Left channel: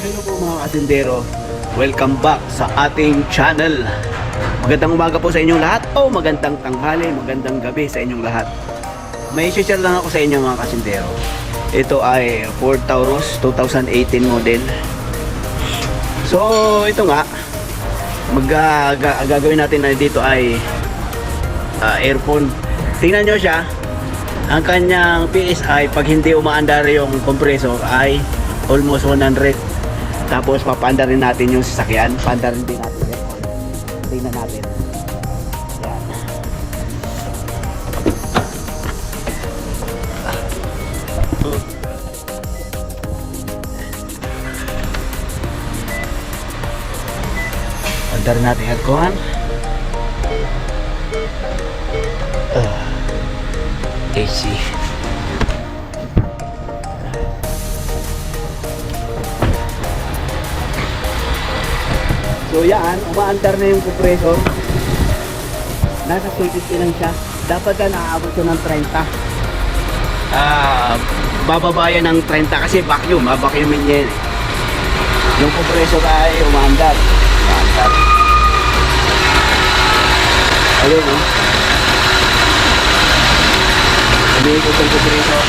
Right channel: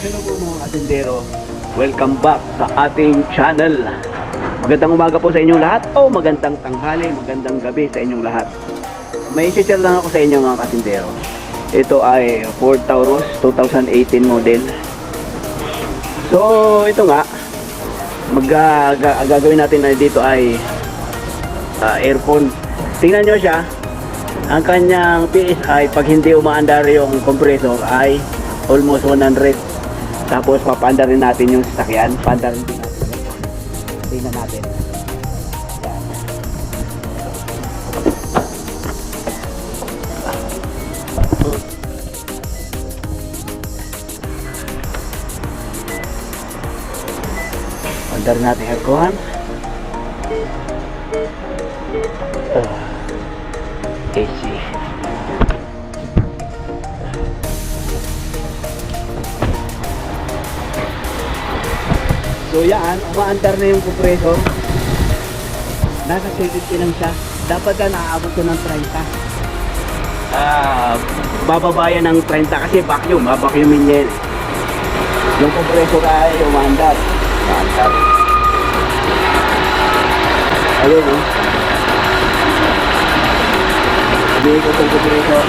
Hello po mga kasindero, welcome back sa ating channel. Magandang umaga po sa inyong lahat o magandang tanghali, magandang gabi sa inyong lahat. May share lang ako sa inyo mga kasindero. Ito ay Ford Taurus 2018 model. So ito nga, gagawin natin na dito ay earphone. Tingnan nyo siya, ang kanyang PSI pag hindi umaandar yung compressor ay almost 100. Tapos papaandarin natin yung sasakyan, paandarin din natin yan. Tingnan natin. Yan. Paandarin natin aircon. AC. So yan, umaandar na yung compressor. Nasa 70 lang siya. Dapat na naaabot ko ng 30. Bababa yan ng 30 kasi vacuum. Vacuumin yan. Yung compressor ay umaandar. Umaandar. Ayun o. Sabihin ko sa compressor.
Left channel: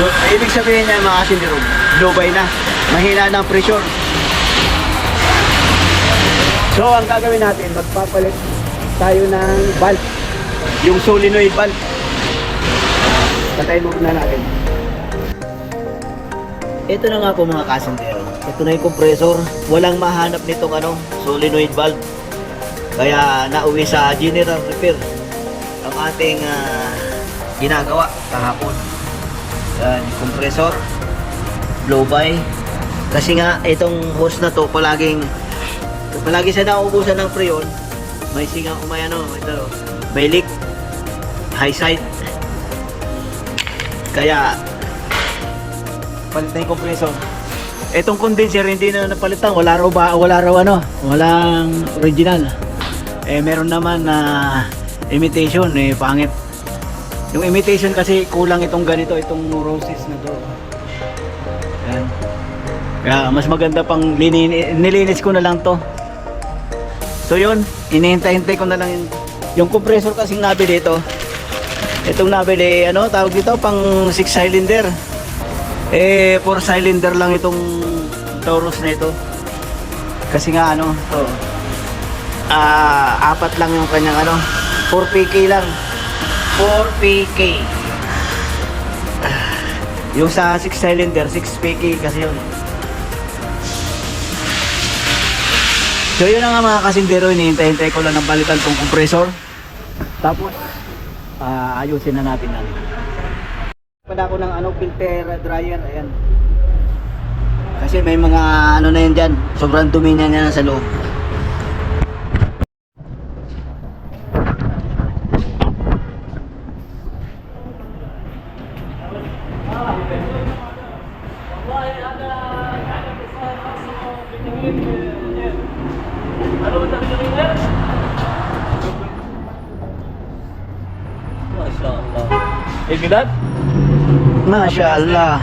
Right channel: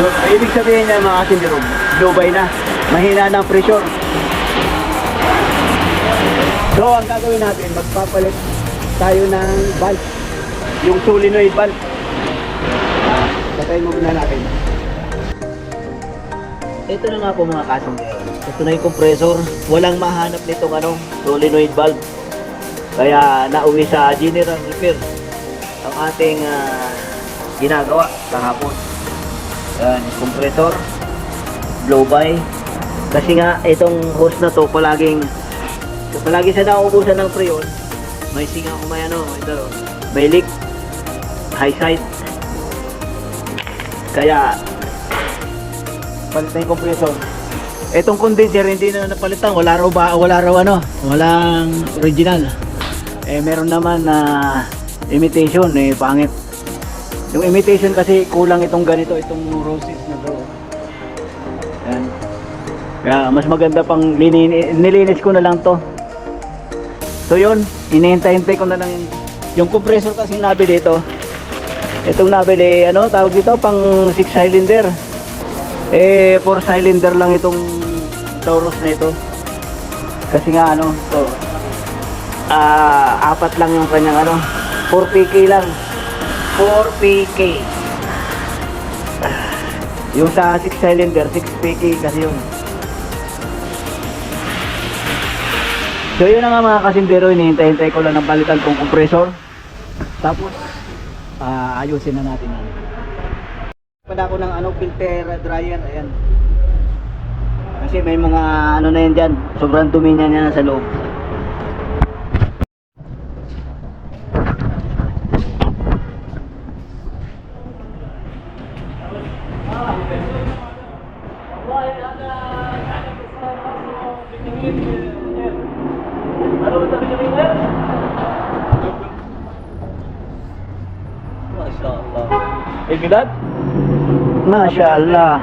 So, ibig sabihin niya mga sindirog, lubay na. Mahina ng pressure. So ang gagawin natin, magpapalit tayo ng valve, yung solenoid valve. Patayin muna natin. Ito na nga po mga kasindero, ito na yung compressor. Walang mahanap nitong solenoid valve, kaya nauwi sa general repair ang ating ginagawa kahapon. Yan, compressor, blow by, kasi nga itong hose na to palagi siya nauubusan ng freon. May singa ito, may leak, high side. Kaya palitan yung compressor. Itong condenser hindi na napalitan, walang original. Meron naman na imitation, pangit. Yung imitation kasi kulang itong ganito, itong roses na to. Yan. Kaya mas maganda pang nilinis ko na lang to. So yun, inihintay-hintay ko na lang yung compressor kasing nabili dito. Itong nabili, tawag dito, pang 6 cylinder. 4 cylinder lang itong Taurus na ito. Kasi nga ito, 4 lang yung kanyang 4 PK lang. 4 PK. Yung sa 6 cylinder, 6 PK kasi yun. So yun na nga mga kasindero, hinihintay-hintay ko lang ng palitan kong compressor. Tapos ayusin na natin Pada ako ng filter dryer, ayan. Kasi may mga na yun dyan, sobrang dumi niya sa loob. Bilad? Masya Allah.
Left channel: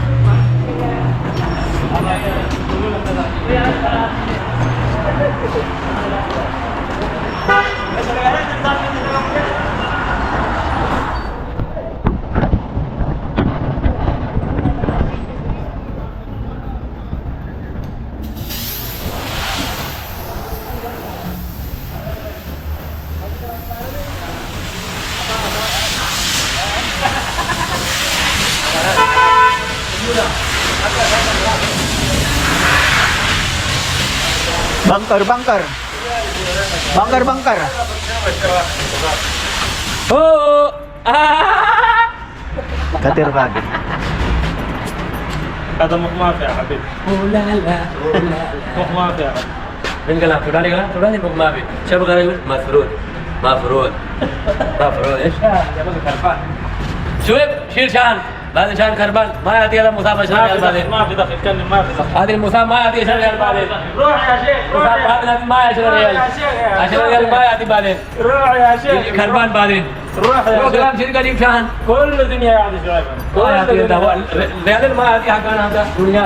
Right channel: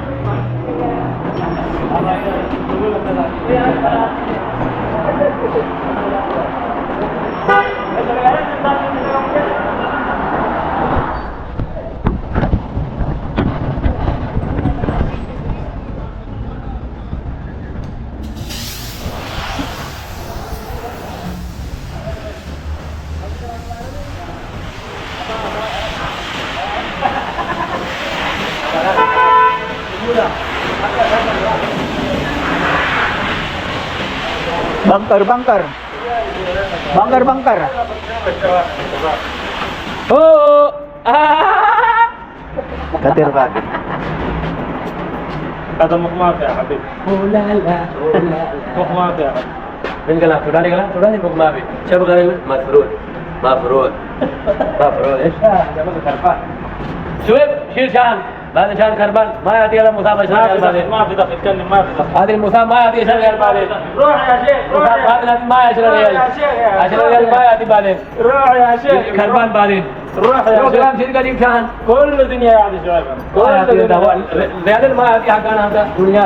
Bangkar. Oh! Katir lagi. هذا مقماط يا حبيبي. لا لا مقماط يا حبيبي. من قلم فلاني مقماطي. شو بغير مفروض ايش؟ شوف شيل شان هذا شان كربان ما يعطي هذا مسامح شغال بعدين ما في دخل كلم ما في دخل هذه المسامح ما يعطي شغال بعدين روح يا شيخ هذا ما يشغل ريال عشان ريال ما يعطي بعدين روح يا شيخ كربان بعدين روح يا شيخ كلام شيل قديم شان كل الدنيا يعطي شغال كل الدنيا ريال ما يعطي حقنا هذا دنيا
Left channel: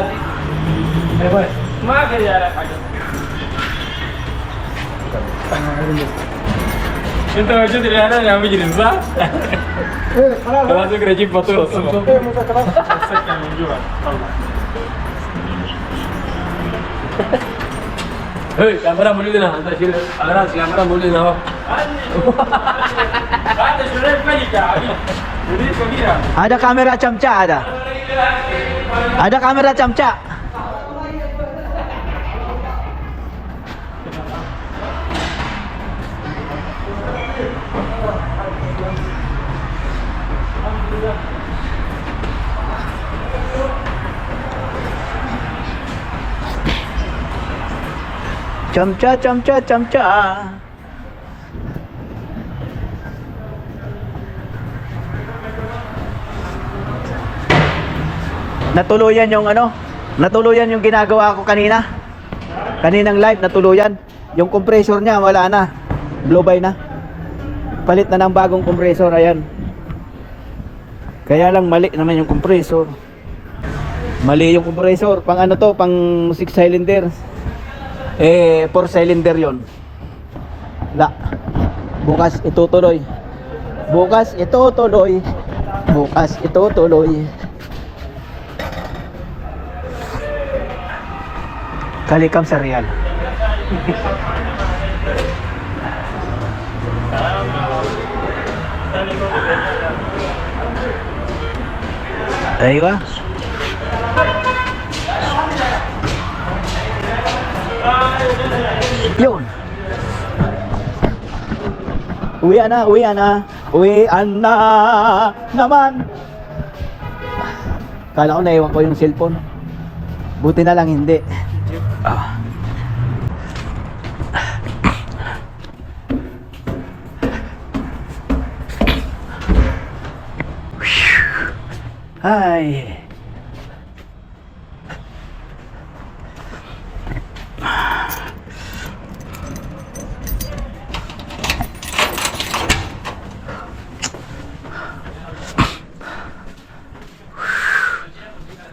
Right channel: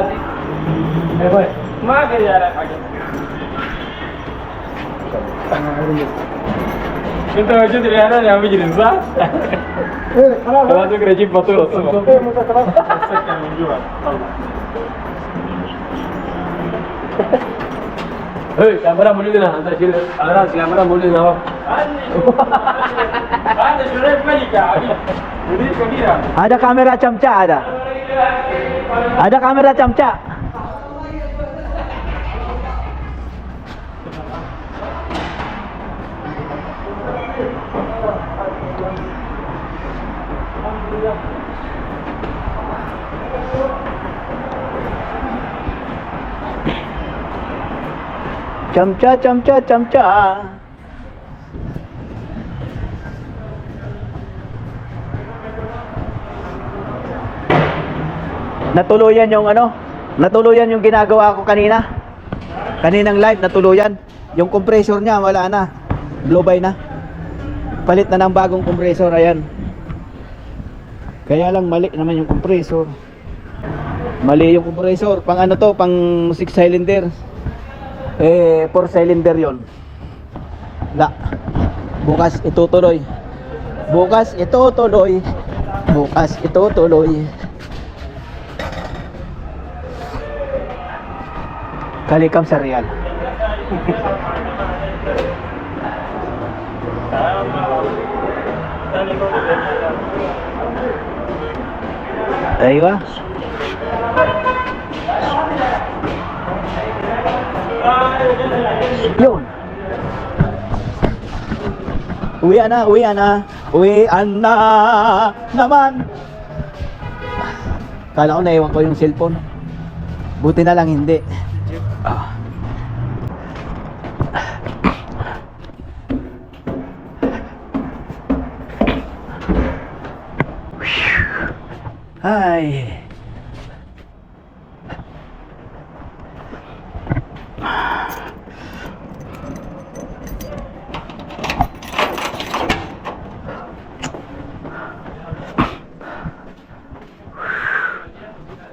Kita aja tidak ada yang bikin sah. Kalau tu kerja betul. Hei, kamera muli na. Antar sila. Kamera muli na. Ada kamera camca ada. Ada kamera camca. Camca, camca, camca. Natuluyan yung ano? Natuluyan yung ginagawa ko kanina. Kaninang live natuluyan. Yung compressor niya wala na. Blow by na. Palit na ng bagong compressor, ayan. Kaya lang mali naman yung compressor. Mali yung compressor. Pang ano to? Pang 6 cylinder. 4 cylinder yon. La. Bukas itutuloy. Bukas itutuloy. Bukas itutuloy. Kalikam sa real. Aywa. Yun. Uwian na, uwian na. Uwian na naman. Kala ko naiwan ko yung cellphone. Buti na lang hindi. Ay.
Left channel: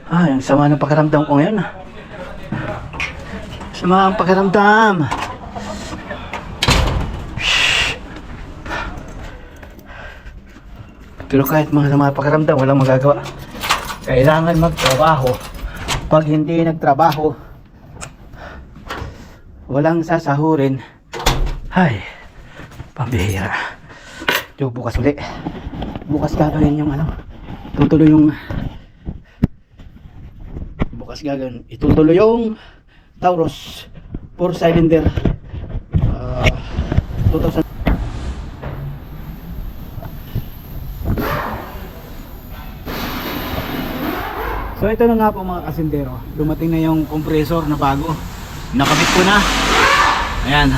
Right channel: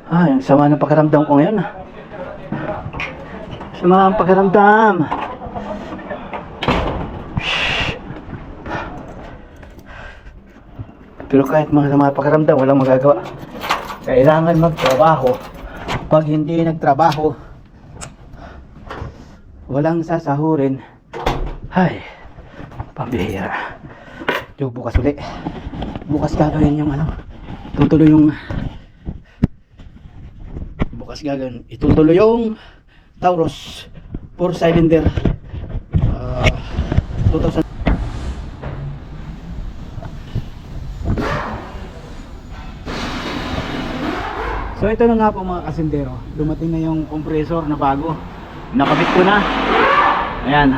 Ay, ang sama ng pakiramdam ko ngayon. Sama ang pakiramdam. Pero kahit mga sama ang pakiramdam, walang magagawa. Kailangan magtrabaho. Pag hindi nagtrabaho, walang sasahurin. Ay, pambihira. So, bukas ulit. Bukas gagawin yung ano. Tutuloy yung bukas gagawin. Itutuloy yung Taurus 4 cylinder 2000. So ito na nga po mga kasindero, dumating na yung compressor na bago, nakabit ko na. Ayan.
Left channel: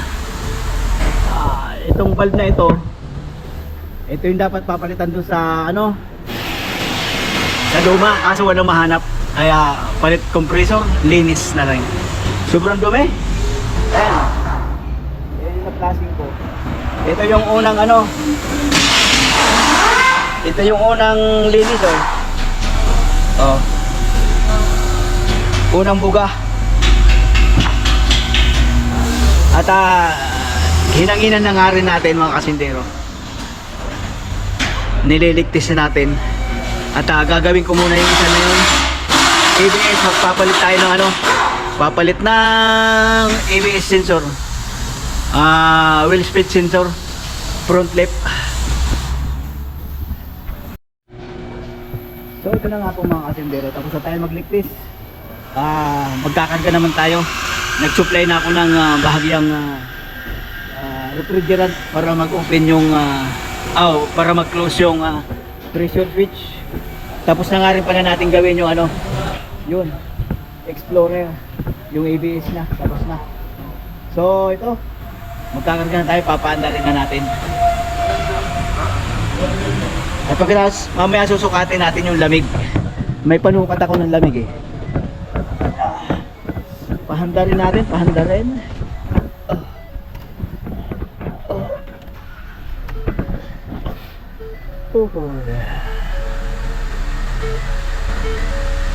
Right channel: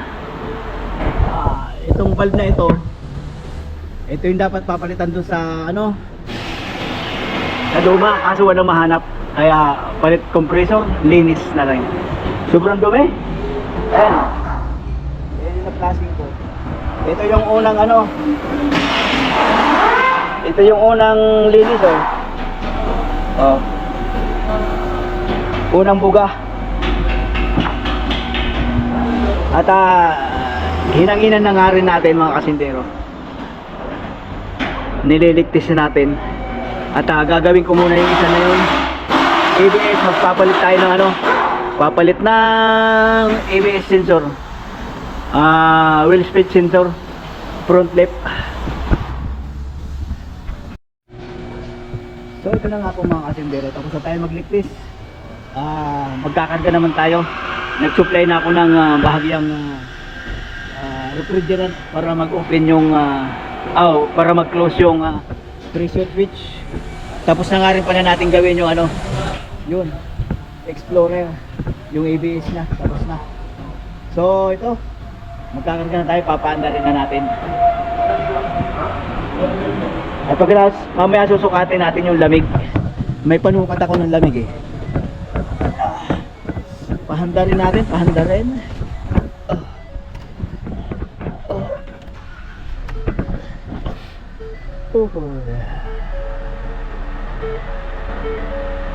Itong valve na ito yung dapat papalitan doon sa ano, sa luma, kaso walang mahanap, kaya palit compressor, linis na lang. Sobrang dumi. Ayan. Ayan yung na-flashing ko. Ito yung unang ano, ito yung unang linis oh. Unang buga. At hinanginan na nga rin natin mga kasindero. Nililigtis na natin. At gagawin ko muna yung isa na yun. ABS, magpapalit tayo ng ano, papalit ng ABS sensor, wheel speed sensor, front left. So ito na nga po mga kasindero, tapos na tayo magligtis. Magkakarga naman tayo. Nag-supply na ako ng bahagyang refrigerant para mag-open yung para mag-close yung pressure switch. Tapos na nga rin pala natin gawin yung ano, yun, Explorer, yung ABS na, tapos na. So ito, magkakarga na tayo, papaanda rin na natin. At pagkatapos, mamaya susukatin natin yung lamig. May panukat ako ng lamig eh. Pahanda rin natin, pahanda rin.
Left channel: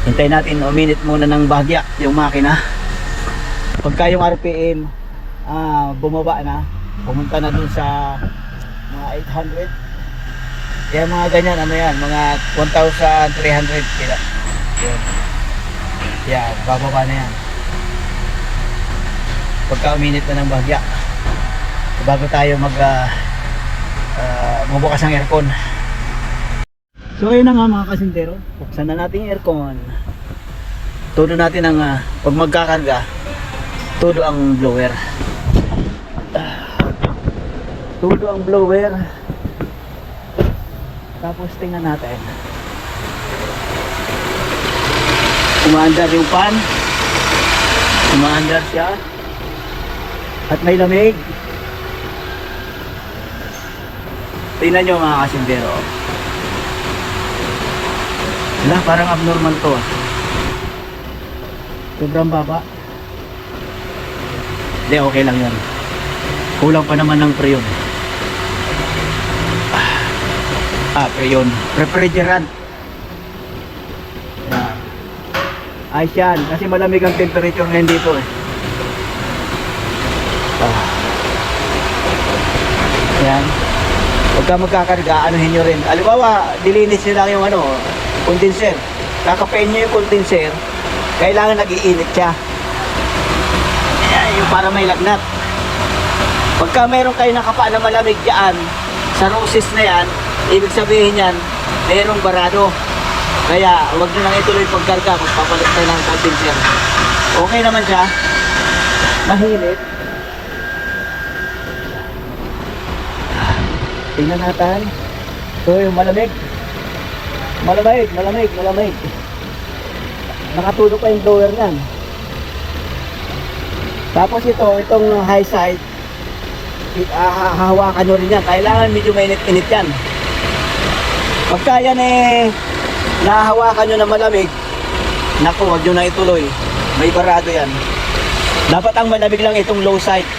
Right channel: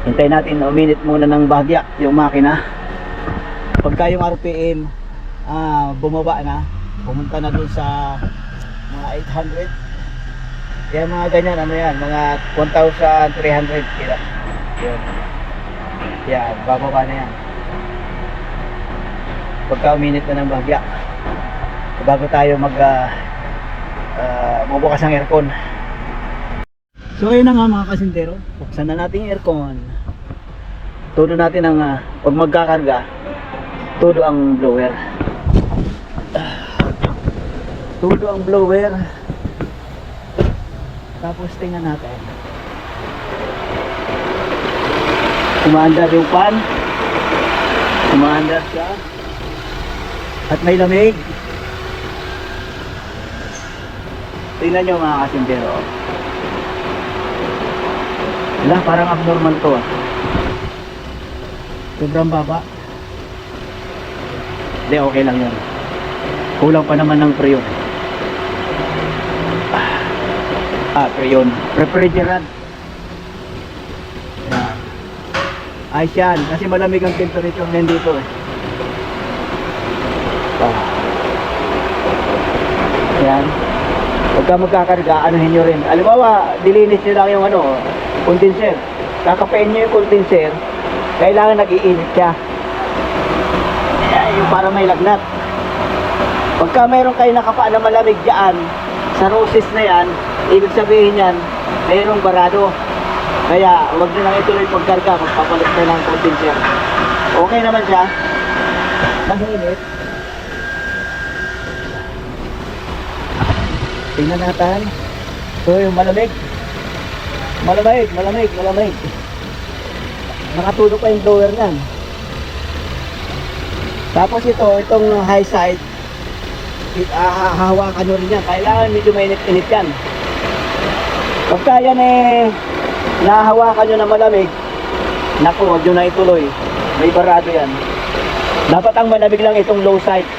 Hintayin natin, uminit muna ng bahagya yung makina. pagka yung RPM bumaba na, pumunta na dun sa mga 800, yan mga ganyan, ano yan, mga 1,300 kila. Yan, bababa na yan pagka uminit na ng bagya, bago tayo bubukas ng aircon. So ayun na nga mga kasintero, buksan na natin yung aircon. Todo natin ang pag magkakarga, todo ang blower. Todo ang blower. Tapos tingnan natin. Umaandar yung fan. Umaandar siya. At may lamig. Tingnan nyo mga kasintero. Wala, parang abnormal to. Sobrang baba. Hindi, okay lang yun. Kulang pa naman ng preyon. Preyon. Refrigerant. Yan. Ayos yan. Kasi malamig ang temperature ngayon dito eh. Yan. Huwag ka magkakarga, anuhin nyo rin. Alibawa, dilinis nyo lang yung condenser. Kakapain nyo yung condenser, kailangan nag-iinit siya. Yan, yung para may lagnat. Pagka mayroon kayo nakapa na malamig dyan, sa roses na yan, ibig sabihin yan, mayroong barado. Kaya, huwag nyo lang ituloy pagkarga, magpapalit tayo ng condenser. Okay naman siya. Mahinit. Tingnan natin. So yung malamig. Malamig. Nakatulog pa yung blower niyan. Tapos itong high side, hahawakan nyo rin yan. Kailangan medyo mainit-init yan. Pagka yan nahahawakan nyo na malamig, naku, huwag nyo na ituloy. May barado yan. Dapat ang malamig lang itong low side.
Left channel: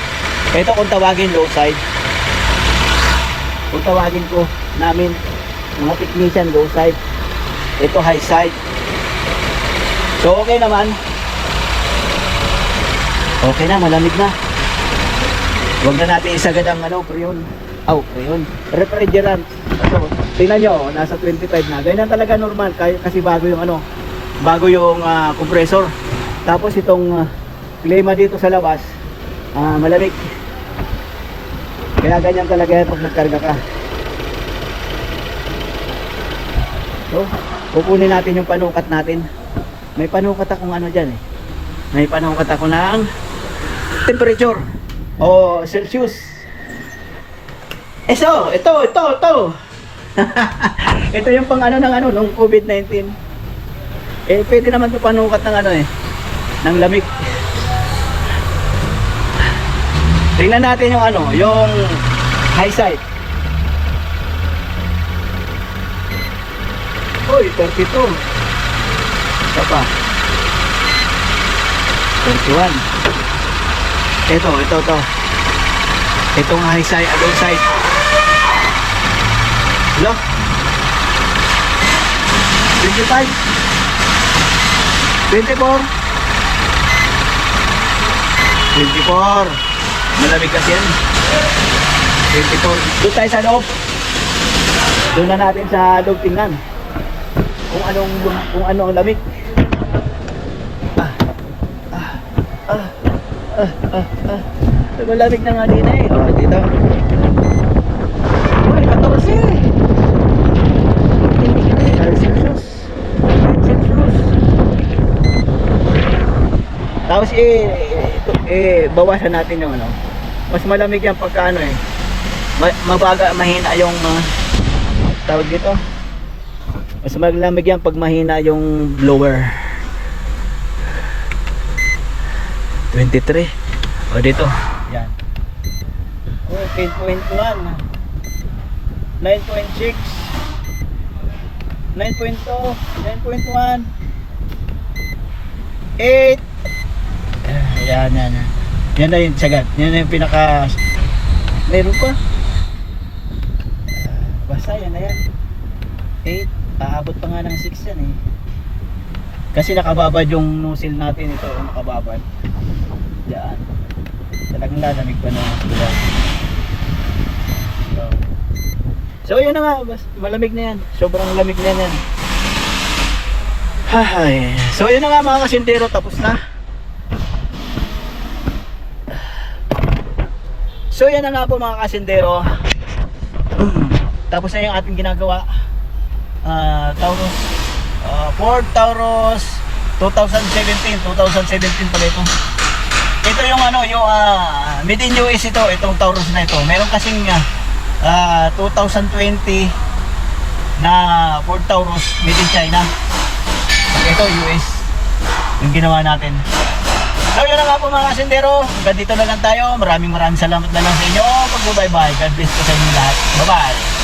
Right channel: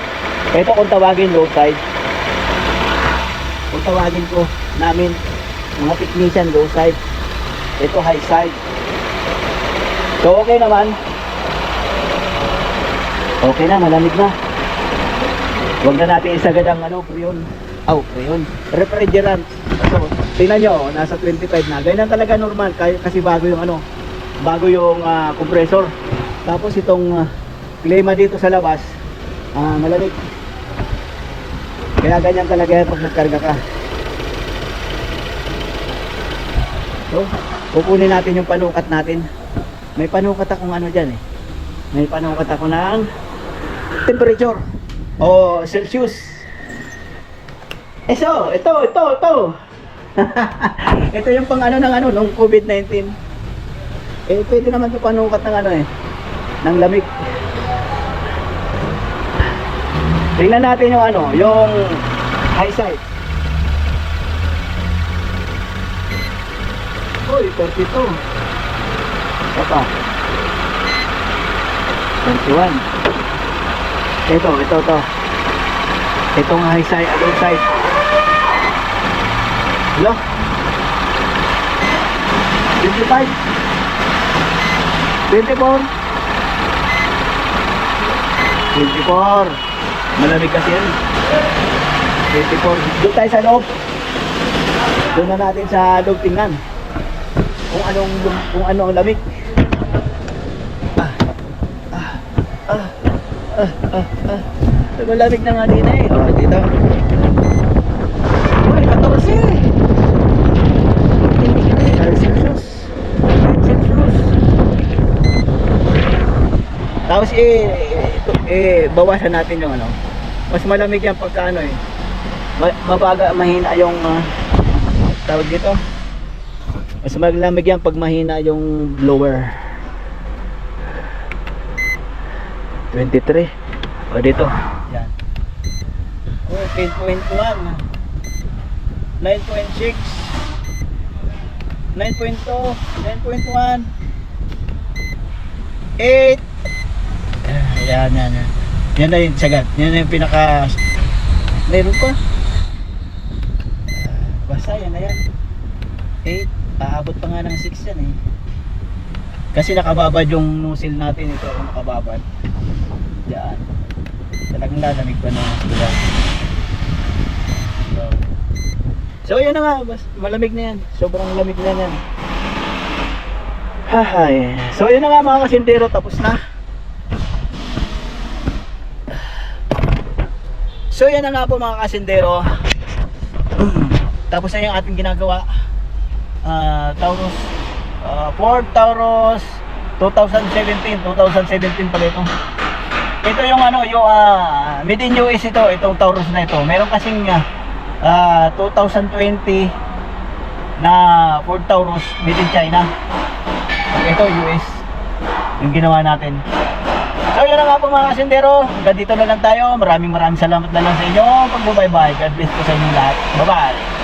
Ito kung tawagin low side. Kung tawagin ko namin mga technician, low side. Ito high side. So okay naman. Okay na, malamig na. Huwag na natin isagad ang preyon. Preyon. Refrigerant. So, tingnan nyo, nasa 25 na. Ganyan talaga normal kasi bago yung bago yung compressor. Tapos itong klima dito sa labas, malamig. Kaya ganyan talaga pag nagkarga ka. So, kukunin natin yung panukat natin. May panukat akong dyan eh. May panukat ako ng temperature o Celsius. So, ito. Ito yung pang nung COVID-19. Pwede naman ito panukat ng ng lamig. Tingnan natin yung high side. Uy, 32. Apa? 31. Ito. Itong high side, other side. Hello? 25. 24. 24. Malamig kasi yan. 24. Doon tayo sa loob. Doon na natin sa loob tingnan kung ano ang lamig. Malamig na nga din eh. Dito. Uy, 14. Celsius. Tapos bawasan natin yung mas malamig yan pagka mahina yung tawag dito. Mas malamig yan pag mahina yung blower. 23. O dito. Yan. 10.1. 9.6. 9.2. 9.1. 8. Yan. Yan na yung sagad. Yan na yung pinaka... Meron pa. Basta yan na yan. 8. Aabot pa nga ng 6 yan eh. Kasi nakababad yung nozzle natin ito. Nakababad. Diyan. Talagang lalamig pa na sila. So yun na nga, malamig na yan. Sobrang lamig na yan. Hay. So yun na nga mga kasindero, tapos na. So yan na nga po mga kasindero. Tapos na yung ating ginagawa. Taurus Ford Taurus 2017 pala ito. Ito yung ano, yung made in US ito, itong Taurus na ito. Meron kasing 2020 na Ford Taurus made in China. Ito US yung ginawa natin. So yun na nga po mga kasindero, hanggang dito na lang tayo. Maraming salamat na lang sa inyo. Pag-bye-bye, God bless po sa inyo lahat. Bye bye.